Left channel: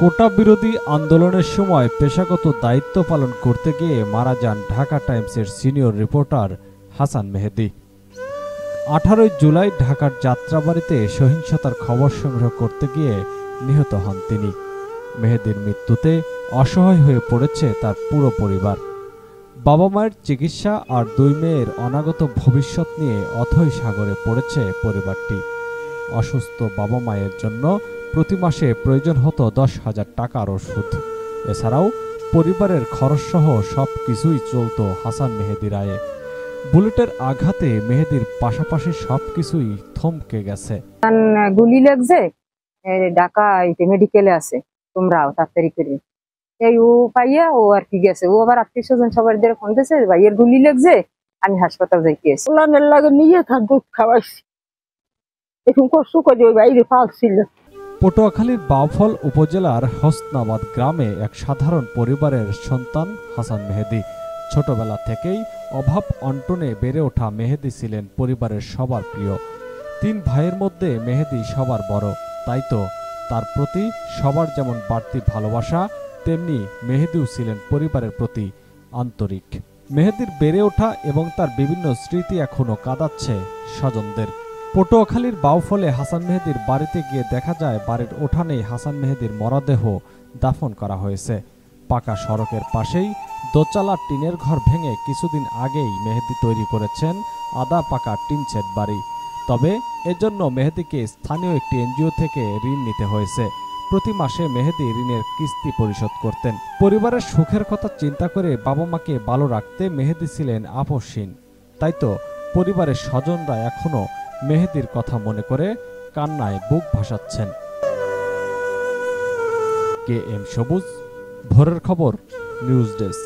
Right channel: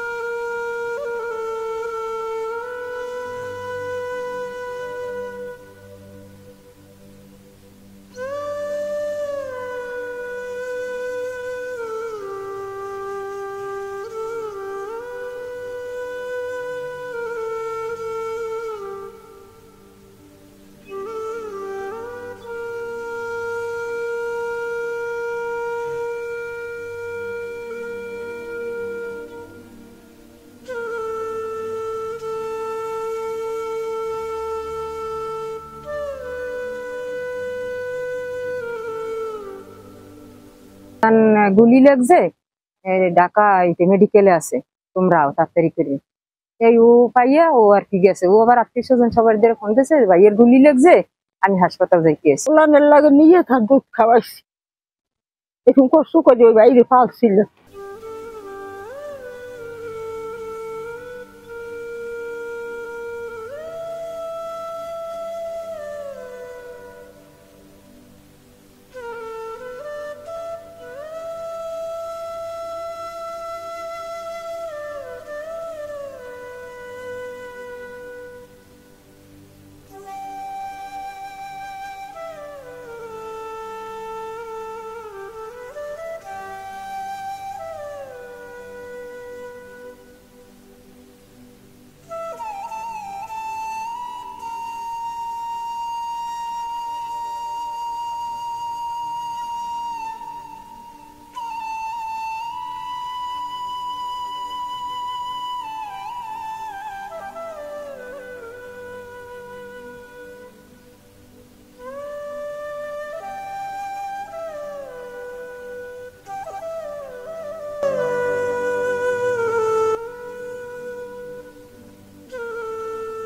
কোটা বিরোধী আন্দোলনের সময় পেশাগত দায়িত্ব পালন করতে গিয়ে মারা যান ঢাকা টাইমসের সিনিয়র রিপোর্টার হাসান মেহেদী। 18 জুলাই ঢাকার যাত্রাবাড়িতে সহিংসতার খবর সংগ্রহ করতে গিয়ে নিহত হন তিনি। মেহেদীর মৃত্যুতে অসহায় হয়ে পড়েছে তার পুরো পরিবার। বাবা মায়ের চিকিৎসা আর 2 মেয়ের অনাগত ভবিষ্যৎ নিয়ে অথৈ সাগরে পড়েছে পরিবারটি। অসুস্থ বাবা মায়ের জন্য প্রতি মাসে প্রয়োজন হতো 10,000 টাকার ওষুধ। এছাড়াও পরিবারের খরচসহ সবকিছুই চলত হাসান মেহেদীর আয়ে। বুলেটের আঘাতে মেহেদীর পাশাপাশি সবকিছুই থমকে গেছে। গুলি লাগছে, ঢাকা মেডিকেলে আছে, তোমরাও তাড়াতাড়ি করে এই ও পাইয়া ও আর কি গেছে। ও আবার আত্মীয় স্বজন সবার দিয়ে ফোন দিয়েছে, ভাইয়ের গুলি লাগছে, আমি হাসপাতাল যাইতেছি। ওলানের লাগে নিয়ে থাক দুধ খাওয়াইছি, এখন কষ্ট করে ওই বাইরে পালছিল। পটুয়াখালীর বাউফল উপজেলার হোসনাবাদ গ্রামে এক সাধারণ পরিবারের সন্তান হাসান মেহেদী। ছোটবেলা থেকেই অভাব অন্টনে বেড়ে ওঠা মেহেদী ছিলেন পরিবারের সবার প্রিয়। 3 ভাইয়ের মধ্যে মেহেদী সবার বড়, তাই তো তার প্রতি সবার যেমন বাড়তি ভালোবাসা, তেমনি মেহেদীও ছিলেন পরিবারের প্রতি আন্তরিক। মেহেদীর বেড়ে ওঠা এবং তার বিভিন্ন স্মৃতি এখনো কাঁদাচ্ছে স্বজনদের। পটুয়াখালীর বাউফলে হাসান মেহেদীর বাড়িতে গিয়ে দেখা যায় বাড়ির উঠানেই হাসান মেহেদীর মরদেহ দাফন করা হয়েছে। পাকা সড়কের পাশেই দোতলা টিনের ঘর ভেঙে কিছুদিন আগেই মেহেদী তৈরি করেছেন আধা পাকা টিন সেট বাড়ি। তবে এজন্য মেহেদীকে স্থানীয় একটি এনজিও থেকে ঋণ নিতে হয়েছে। প্রতি মাসে মেহেদী ঋণের কিস্তি পরিশোধ করতেন। পরিবারের সুখের কথা চিন্তা করে বাবা মাকে ভালো রাখতে মেহেদী ছিলেন আপোষহীন। তাই তো পরিবারের স্বজনরা এখনো মেহেদীর কথা মনে করে কান্নায় বুক ভাসাচ্ছেন। KM সবুজ, ভোরের খবর, নিউজ ডেস্ক।